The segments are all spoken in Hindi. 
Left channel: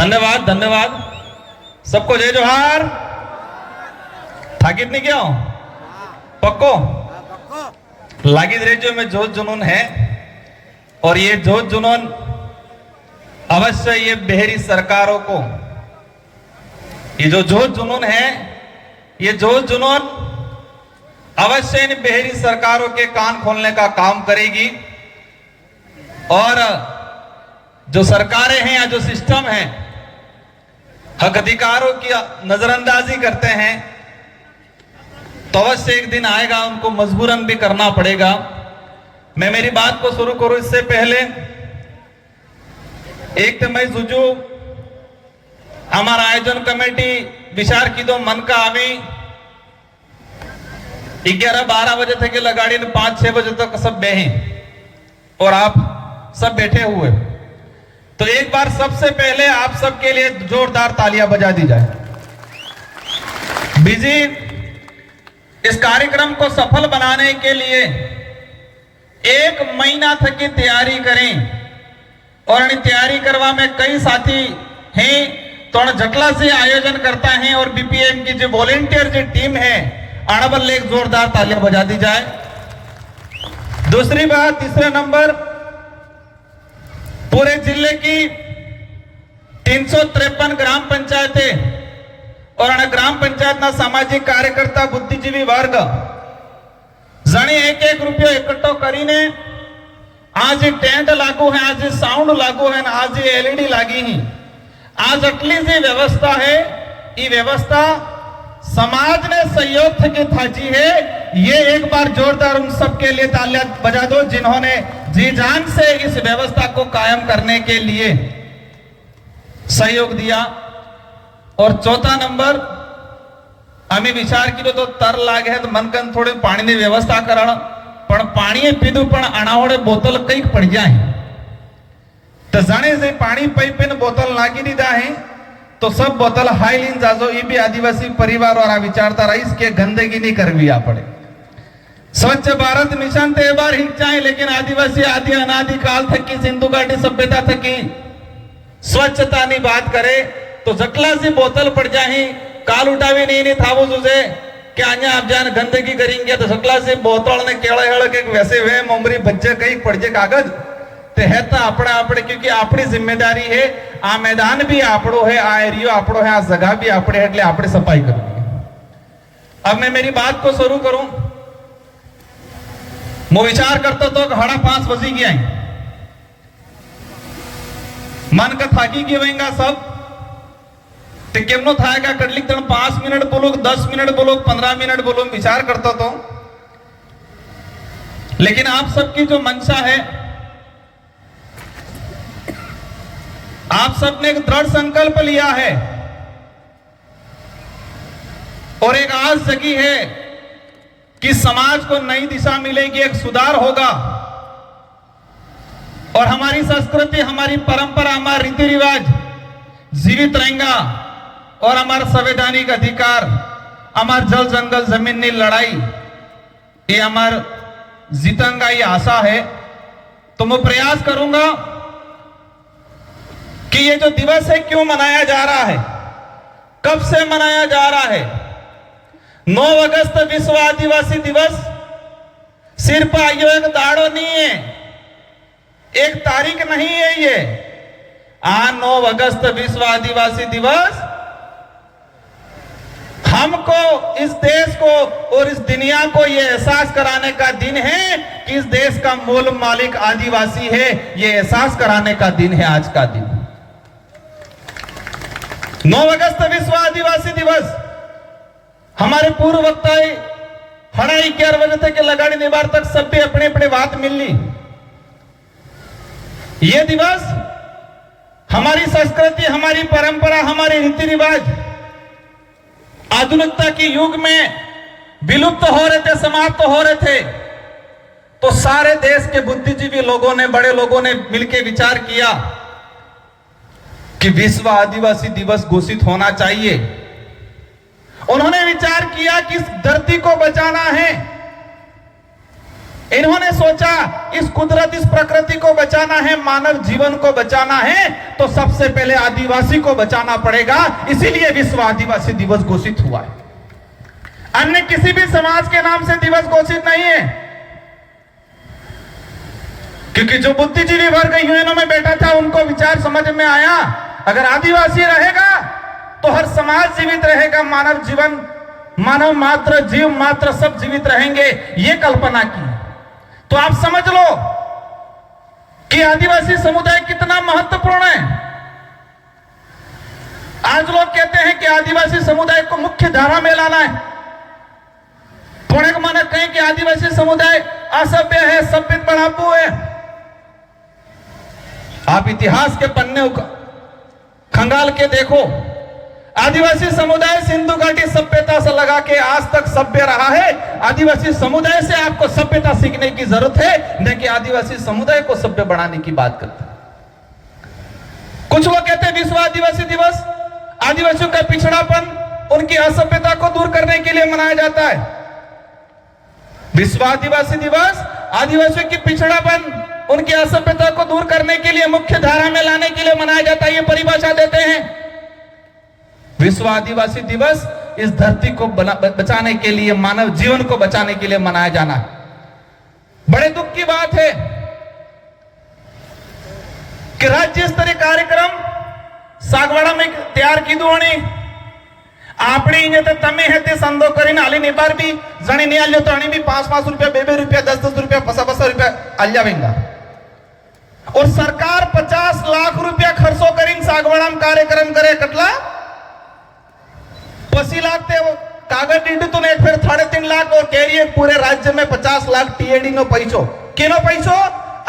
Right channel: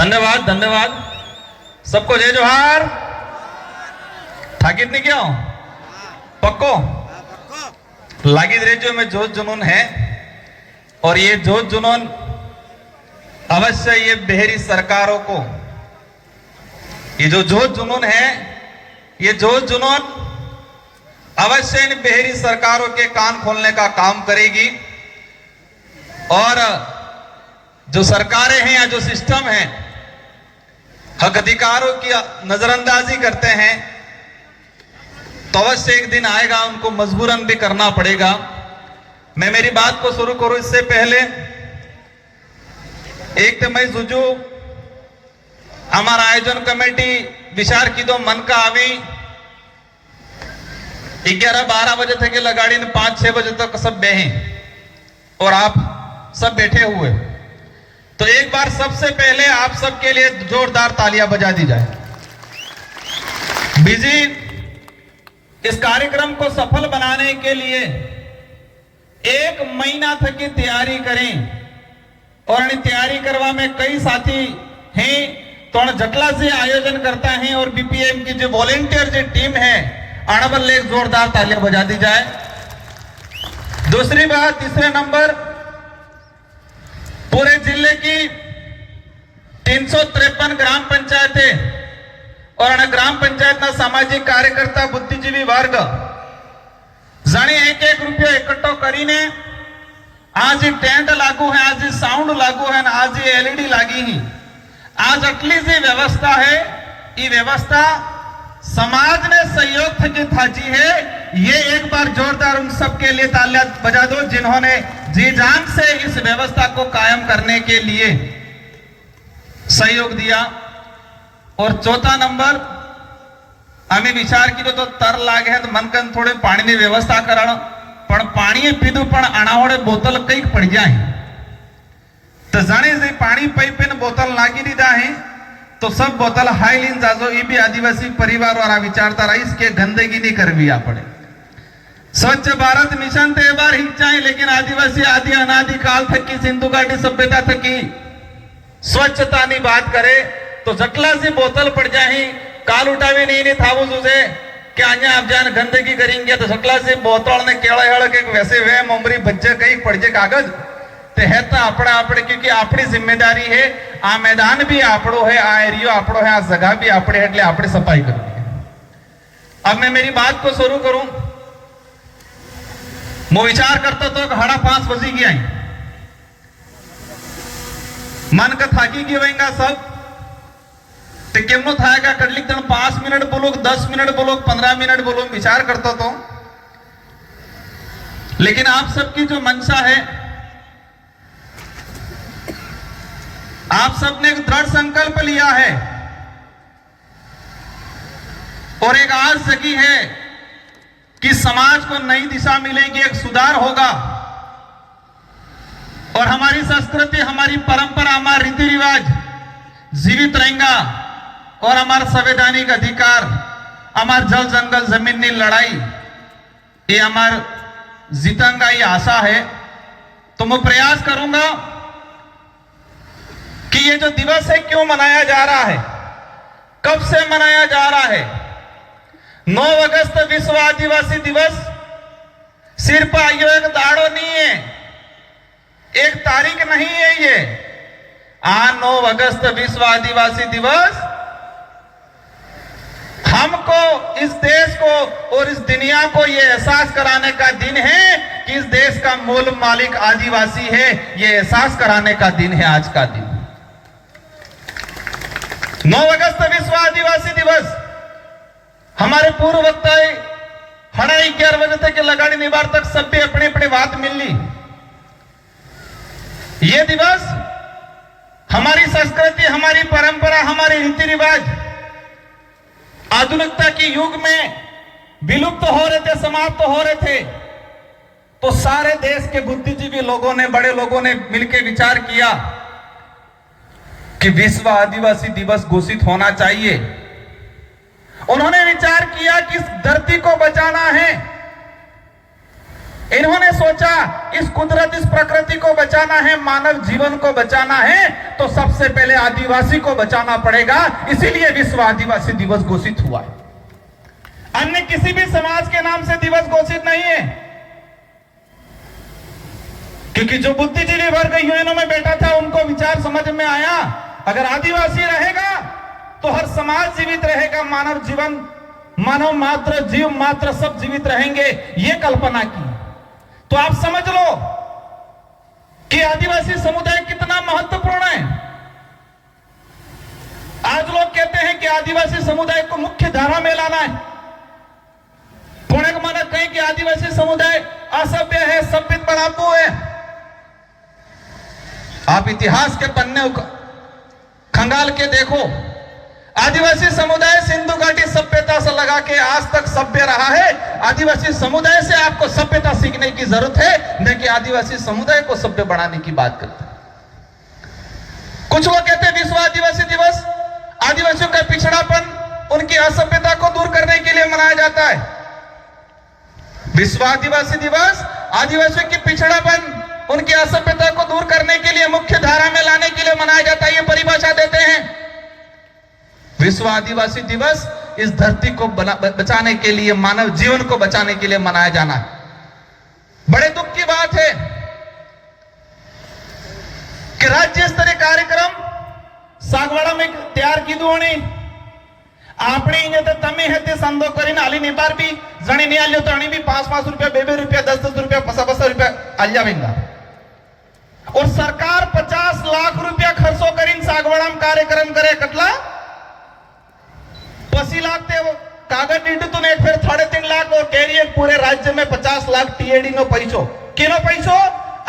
धन्यवाद धन्यवाद सबको जय जोहार। थाकित नहीं क्या पक्को लागी रेडियो में जोश जुनून है और ये जोश जुनून अवश्य ये बेहरी सरकारों को ये जो जोश जुनून है ये जोश जुनून अवश्य इन बेहरी सरकारों के कान खोलने का काम करेगी और जो सरकारें हैं या जो सिस्टम है हक अधिकारों की नजरअंदाजी करते हैं तो अवश्य एक दिन आएगा उनको मजबूरन भी करना पड़ेगा। मैं मेरी बात को शुरू करूं इससे पहले एक तो मैं सुजू हमारा आयोजन कमेटी विचार की दो मन का आवी 11-12 बजे थे कि लगाड़ी 5-6 बजे तक सब बेहे और आप सब बैठे हुए तो एक बार सबसे पहले आप सबके लिए जोरदार तालियां बजा दी जाए। बिजी इस कार्यक्रम को सफल बनाने के लिए 1 महीना तक की तैयारी करें और तैयारी करवा में कई साथी हैं तो जटला से आयोजन करता है और बीपीएम की जो वॉलेंटियर जो टीम है अड़बल एक जोरदार तालियां बजा दी जाए। दूसरी बात तीसरे नंबर पूरे जिले की 353 ग्राम पंचायतें और ग्राम पंचायत ना सामाजिक कार्यकर्ता बुद्धिजीवी वर्ग जाने 1-1 रुपया इकट्ठो करीने आज टेंट लागू है आज साउंड लागू है आज एलईडी लागी ही आज अटली जी व्यवस्था है ये व्यवस्था समाज ने सहयोग की थाची है। ये एक बार जोरदार उन सबके लिए तालियां बजा दो जिन्होंने जी जान से इस व्यवस्था को कायम करने के लिए सहयोग दिया। और चौथा नंबर हमें विचार की तो तर लागे है तो मन कन थोड़े पानी की व्यवस्था करण पण पानी पीधु पण अनावड़े बोतल कई पड़ जाए तो जाने से पानी पाइप ने बोतल लागी दीदा है तो सब बोतल हाईलीन जाजो ये भी आदिवासी परिवार वाला विचारता रईस के गंदगी नहीं करवी पड़े। स्वच्छ भारत मिशन तो बार हिंचाए लेकिन आदिवासी आदि अनादि काल तक की सिंधु घाटी सभ्यता तक की स्वच्छता की बात करे तो जटला सी बोतल पड़ जाए काल उठावे नहीं था वो तुझे कि आया आप जान गंदगी करेंगे तो जटला सी बोतल ने केड़ा हेड़ के वैसे वे मोमरी बच्चे कई पड़ जाए कागज ते है तो अपना अपने क्योंकि अपनी जिम्मेदारी है आ मैदान भी आपड़ो है आ एरियो आपड़ो है आ जगह भी आपड़े है એટલે આપણે सफाई करनी है। अब मैं मेरी बात को शुरू करूं मैं विचार करता तो 5:30 बजे गया मन का थाकी की वहेंगा सब ते केमनो थाएगा कटलिक तन 5 मिनट बोलो 10 मिनट बोलो 15 मिनट बोलो विचार करता तो लेकिन आप सबकी जो मंशा है आप सबने एक दृढ़ संकल्प लिया है और एक आस जगी है कि समाज को नई दिशा मिलेगी एक सुधार होगा और हमारी संस्कृति हमारी परंपरा हमारा रीति रिवाज जीवित रहेगा और हमारा संवैधानिक अधिकार हमार जल जंगल जमीन की लड़ाई ये हमार जीतेंगा ये आशा है। तो मैं प्रयास करूंगा कि ये जो दिवस है क्यों मनाया जा रहा है कब से मनाया जा रहा है। 9 अगस्त विश्व आदिवासी दिवस सिर्फ आयो एक दाड़ो नहीं है एक तारीख नहीं है ये 9 अगस्त विश्व आदिवासी दिवस हमको इस देश को और इस दुनिया को ये एहसास कराने का दिन है कि इस देश का मूल मालिक आदिवासी है। ये एहसास कराने का दिन है आज का दिन 9 अगस्त विश्व आदिवासी दिवस हमारे पूर्व वक्ताए 11:30 बजे तक लगाड़ी निवार तक सब भी अपने अपने बात मिल ली। ये दिवस हमारी संस्कृति हमारी परंपरा हमारे रीति रिवाज आधुनिकता के युग में विलुप्त हो रहे थे समाप्त हो रहे थे तो सारे देश के बुद्धिजीवी लोगों ने बड़े लोगों ने मिलकर विचार किया कि विश्व आदिवासी दिवस घोषित होना चाहिए। उन्होंने विचार किया कि इस धरती को बचाना है इन्होंने सोचा इस कुदरत, इस प्रकृति को बचाना है, मानव जीवन को बचाना है, तो सबसे पहले आदिवासी को बचाना पड़ेगा। इसीलिए विश्व आदिवासी दिवस घोषित हुआ। अन्य किसी भी समाज के नाम से दिवस घोषित नहीं है, क्योंकि जो बुद्धिजीवी वर्ग यूएनओ में बैठा था उनको विचार समझ में आया, अगर आदिवासी रहेगा तो हर समाज जीवित रहेगा, मानव जीवन, मानव मात्र, जीव मात्र सब जीवित रहेंगे, ये कल्पना की। तो आप समझ लो कि आदिवासी समुदाय कितना महत्वपूर्ण है। आज लोग कहते हैं कि आदिवासी समुदाय को मुख्य धारा में लाना है। थोड़े को माने कहें कि आदिवासी समुदाय असभ्य है, सभ्य बढ़ापू है। आप इतिहास के पन्ने खंगाल के देखो, आदिवासी समुदाय सिंधु घाटी सभ्यता से लगा के आज तक सभ्य रहा है। आदिवासी समुदाय से आपको सभ्यता सीखने की जरूरत है, न कि आदिवासी समुदाय को सभ्य बनाने की बात करते हैं। कुछ लोग कहते हैं विश्व आदिवासी दिवस आदिवासियों का पिछड़ापन, उनकी असभ्यता को दूर करने के लिए मनाया जाता है। विश्व आदिवासी दिवस आदिवासियों की पिछड़ापन, उनकी असभ्यता को दूर करने के लिए, मुख्य धारा में लाने के लिए मनाया जाता है, ये परिभाषा देते हैं। विश्व आदिवासी दिवस इस धरती को बचाने के लिए, मानव जीवन को बचाने के लिए मनाया जाना बड़े दुख की बात है कि राज्य स्तरीय कार्यक्रम सागवाड़ा में तैयार की दोणी आपणी तो तमे है ते संदो करीने आली नेतार भी जणी नहीं आल्यो तो अणी भी 5-5 रुपया, 2-2 रुपया, 10-10 रुपया, 50-50 रुपया आल्या वेंगा। और सरकार 50 लाख रुपया खर्चो करीने सागवाड़ा में कार्यक्रम करे, कटला 80 लाख थे वो कागज नीडू तो नहीं, फिर 3.5 लाख और कैरियर पूरे राज्य में 50 लाख टीएडी नो पैसो, केनो पैसो,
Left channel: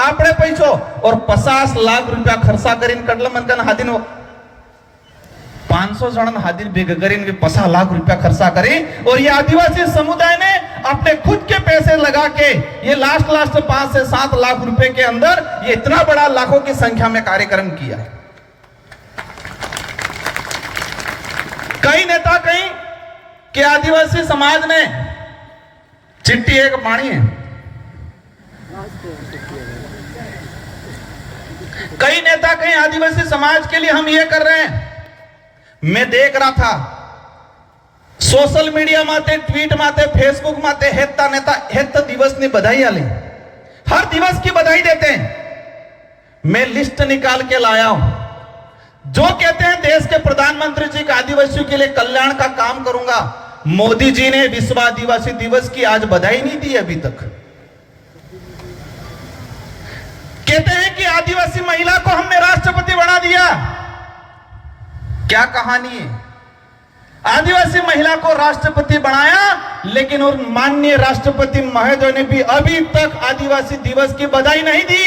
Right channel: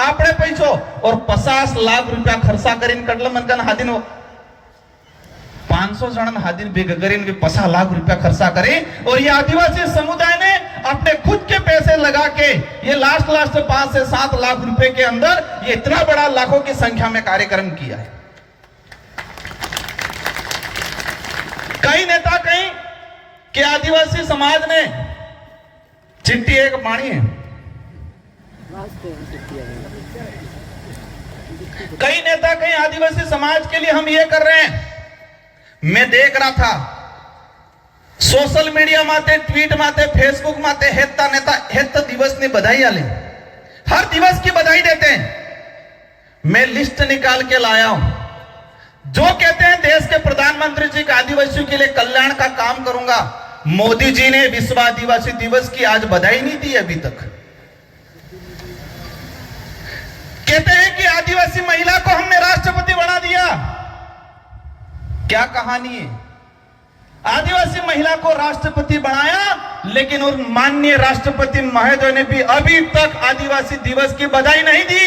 आपने पैसो, और 50 लाख रुपया खर्चा करीन कटल मनकन हादिनो 500 जन हादिन भेग करीन भी 50 लाख रुपया खर्चा करे। और ये आदिवासी समुदाय ने अपने खुद के पैसे लगा के ये लास्ट 5 से 7 लाख रुपए के अंदर ये इतना बड़ा लाखों की संख्या में कार्यक्रम किया है। कई नेता कहीं कि आदिवासी समाज ने चिट्ठी एक मानी है, कई नेता कहीं आदिवासी समाज के लिए हम ये कर रहे हैं। मैं देख रहा था सोशल मीडिया माते, ट्वीट माते, फेसबुक माते हेत्ता नेता हेत्ता दिवस ने बधाई आली, हर दिवस की बधाई देते हैं। मैं लिस्ट निकाल के लाया हूं, जो कहते हैं देश के प्रधानमंत्री जी का आदिवासियों के लिए कल्याण का काम करूंगा, मोदी जी ने विश्व आदिवासी दिवस की आज बधाई नहीं दी अभी तक। कहते हैं कि आदिवासी महिला को हमने राष्ट्रपति बना दिया। क्या कहानी है? आदिवासी महिला को राष्ट्रपति बनाया, लेकिन उन माननीय राष्ट्रपति महोदय ने भी अभी तक आदिवासी दिवस की बधाई नहीं दी।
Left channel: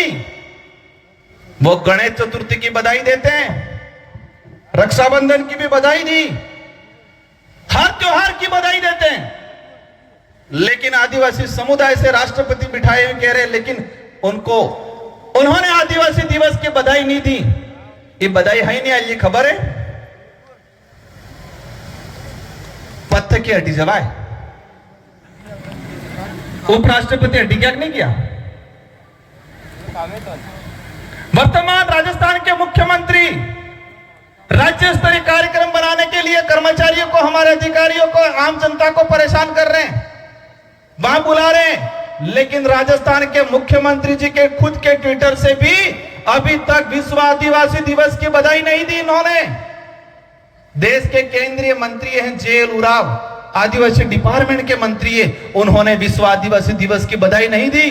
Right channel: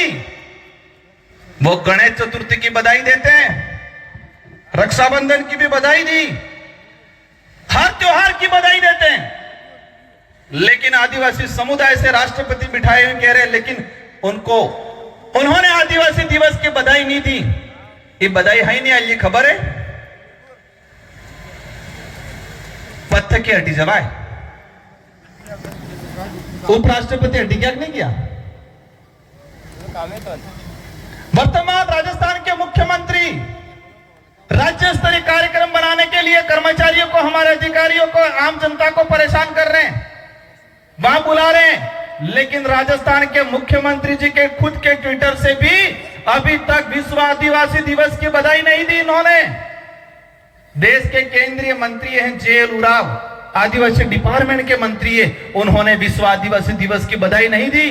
वो गणेश चतुर्थी की बधाई देते हैं, रक्षाबंधन की भी बधाई दी, हर त्योहार की बधाई देते हैं, लेकिन आदिवासी समुदाय से राष्ट्रपति बिठाए हुए कह रहे, लेकिन उन्होंने आदिवासी दिवस की बधाई नहीं दी। ये बधाई है नहीं आई, ये खबर है? पत्थर की हड्डी जवाए, उपराष्ट्रपति हड्डी क्या नहीं किया। वर्तमान राजस्थान के मुख्यमंत्री राज्य स्तरीय कार्यक्रम बनाने के लिए कर्मचारियों को, हमारे अधिकारियों को, आम जनता को परेशान कर रहे हैं, वहां बुला रहे हैं, लेकिन राजस्थान के मुख्यमंत्री जी के खुद के ट्विटर से भी अभी तक विश्व आदिवासी दिवस की बधाई नहीं दी इन्होंने। देश के केंद्रीय मंत्री हैं जेएल उराव, आदिवासी डिपार्टमेंट के मंत्री है, उन्होंने विश्व आदिवासी दिवस की बधाई नहीं दी।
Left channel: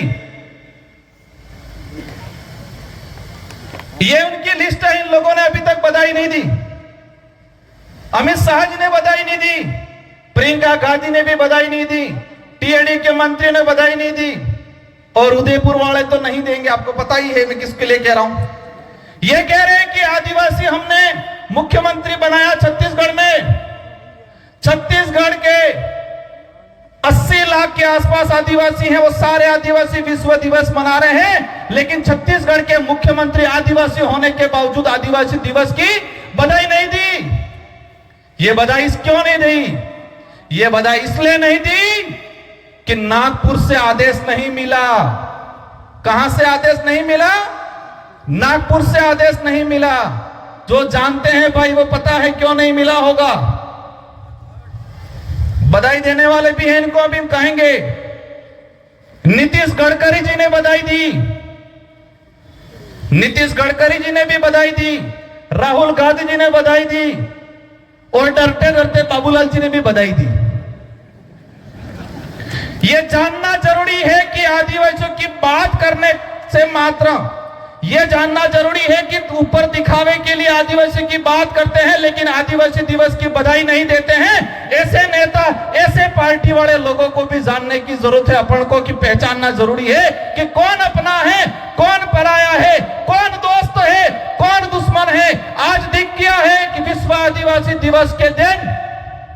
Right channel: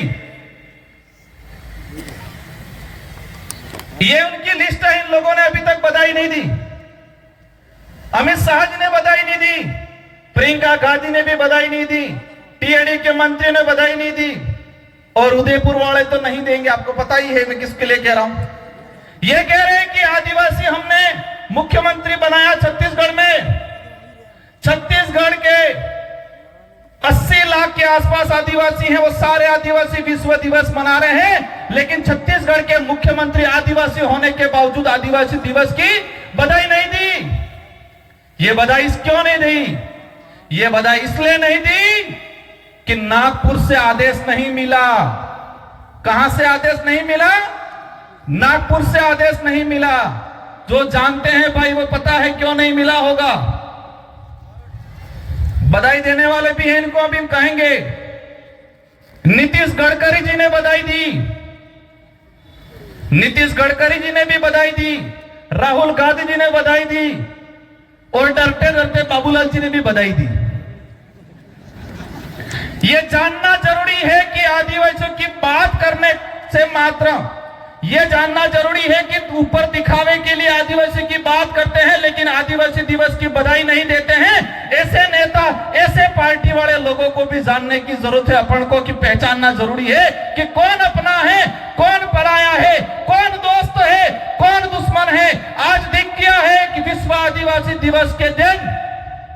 ये उनकी लिस्ट है, इन लोगों ने अभी तक बधाई नहीं दी। अमित शाह जी ने बधाई नहीं दी, प्रियंका गांधी ने भी बधाई नहीं दी, टीएडी के मंत्री ने बधाई नहीं दी, और उदयपुर वाले तो नहीं देंगे, आपको पता ही है मैं किसके लिए कह रहा हूं। ये कह रहे हैं कि आदिवासी हमने मुख्यमंत्री बनाया छत्तीसगढ़ में, छत्तीसगढ़ के 80 लाख के आसपास आदिवासी हैं, वो सारे आदिवासी विश्व दिवस मना रहे हैं, लेकिन छत्तीसगढ़ के मुख्यमंत्री आदिवासी होने के बावजूद आदिवासी दिवस की बधाई नहीं दी। ये बधाई क्यों नहीं दी? ये बधाई इसलिए नहीं दी कि नागपुर से आदेश नहीं मिला। कहां से आदेश नहीं मिला? नागपुर से आदेश नहीं मिला। जो जानते हैं भाई वो पता है क्यों नहीं मिला होगा। बधाई देने वाले भी हैं, इनको अभी हम कहेंगे। नीतीश गडकरी जी ने बधाई दी, नीतीश गडकरी जी ने भी बधाई दी, राहुल गांधी जी ने बधाई दी और डरते डरते बाबूलाल जी ने भी बधाई दी। यह जानना जरूरी है कि आदिवासियों की बात करने से मात्र यह जानना जरूरी है कि ऊपर दिखावे के लिए आदिवासी की बात करते हैं लेकिन आदिवासी दिवस की बधाई नहीं देते हैं। ऐसे नेता, ऐसे पार्टी वाले लोगों को भी जानने की जरूरत है अपन को, कि पहचानना जरूरी है कि कौन अपना है, कौन पराया है, कौन दोस्त है, कौन दुश्मन है। आज दिख गया है कि विश्व आदिवासी दिवस के दिन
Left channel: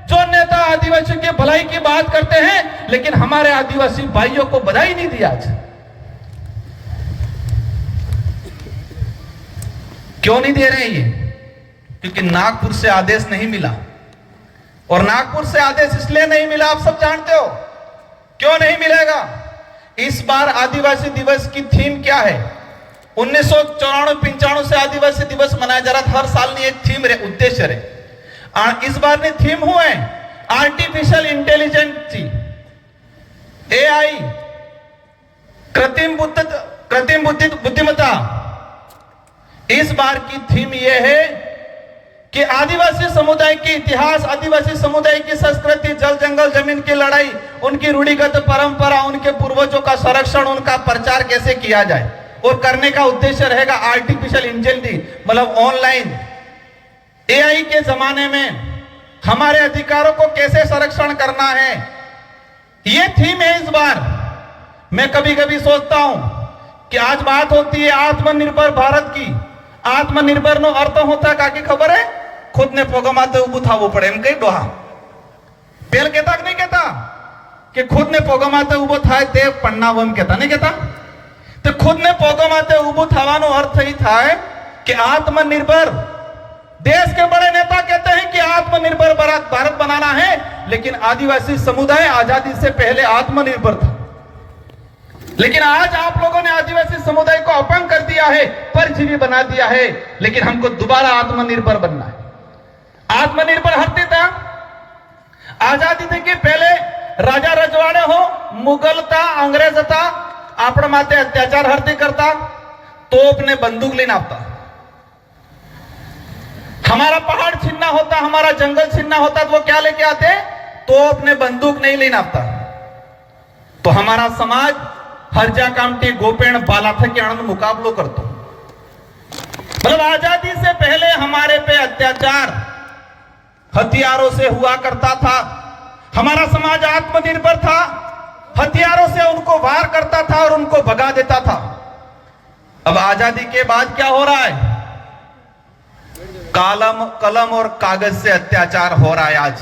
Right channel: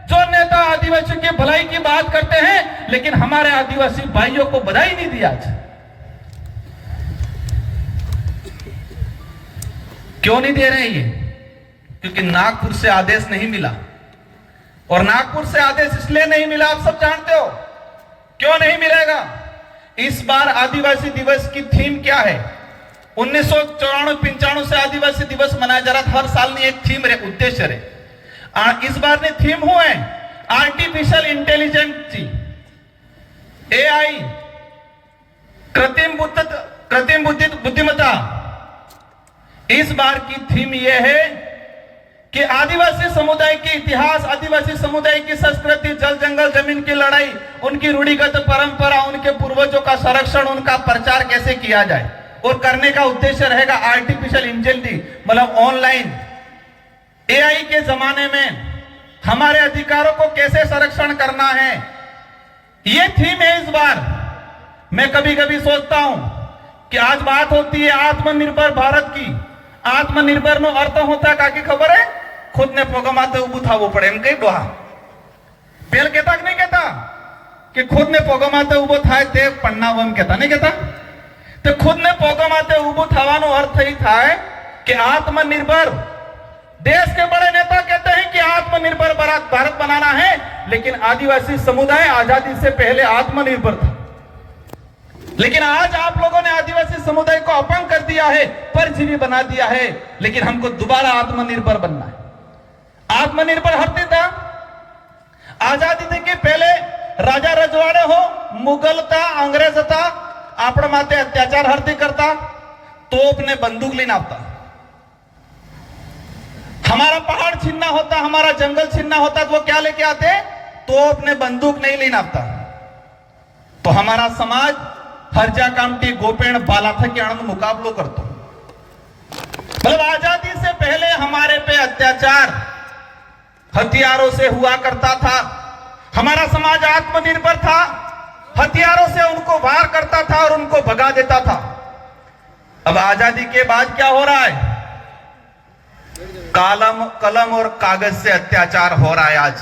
जो नेता आदिवासी की भलाई की बात करते हैं लेकिन हमारे आदिवासी भाइयों को बधाई नहीं दी। आज क्यों नहीं दे रहे हैं ये? क्योंकि नागपुर से आदेश नहीं मिला। और नागपुर से आदेश इसलिए नहीं मिला, आप सब जानते हो क्यों नहीं मिलेगा। इस बार आदिवासी दिवस की थीम क्या है? 1994-95 से आदिवासी दिवस मनाया जा रहा था। हर साल एक थीम रे, उद्देश्य रहे। इस बार ने थीम हुआ है आर्टिफिशियल इंटेलिजेंस, एआई, कृत्रिम बुद्धिमत्ता। इस बार की थीम यह है कि आदिवासी समुदाय की इतिहास, आदिवासी समुदाय की संस्कृति, जल जंगल जमीन की लड़ाई, उनकी रूढ़िगत परंपरा, उनके पूर्वजों का संरक्षण, उनका प्रचार कैसे किया जाए। और करने का उद्देश्य रहेगा आर्टिफिशियल इंटेलिजेंस, मतलब ऑनलाइन एआई के जमाने में हमारे अधिकारों को कैसे संरक्षण करना है। यह थीम है इस बार। मैं कभी कभी सोचता हूं कि आज बात होती है आत्मनिर्भर भारत की। आत्मनिर्भर नो अर्थ होता काकी खबर है? खुद ने पोगमाते उबू थावो पड़े एम कई डोहा पेल कहता कि नहीं कहता कि खुद ने पोगमाते उबो थाय ते पन्नाव एम कहता नहीं कहता? तो खुद ने पोगमाते उबू थावानो अर्थ ही था कि आत्मनिर्भर। देश के बड़े नेता कहते हैं कि आत्मनिर्भर भारत बनाना है, लेकिन आदिवासी समुदाय आजादी से पहले आत्मनिर्भर था। लेकिन आज आप लोगों ने आदिवासी समुदाय को अपंग कर दिया है, परजीवी बना दिया है। लेकिन हमको दोबारा आत्मनिर्भर बनना है। आत्मनिर्भर हरते था आजादी के पहले राजा रजवाड़े हो, मुगल था, अंग्रेज था, आपण माते अत्याचार हरती करता, तोप ने बंदूक लेना आपता। हमारा पहाड़ छीनना होता, हमारा जंगल छीनना होता तो वो क्या लेके आते? तोप ने बंदूक नहीं लेना आपता। तो हमारा समाज हरजा कामटी गोपेण बाला था कि आनंद मुकाबलो करतो। मतलब आजादी से पहले हमारे पे अत्याचार हथियारों से हुआ करता था। हमारा समाज आत्मनिर्भर था, हथियारों से उनको वार करता था और उनको भगा देता था। अब आजादी के बाद क्या हो रहा है? कलम और कागज से अत्याचार हो रहा है। आज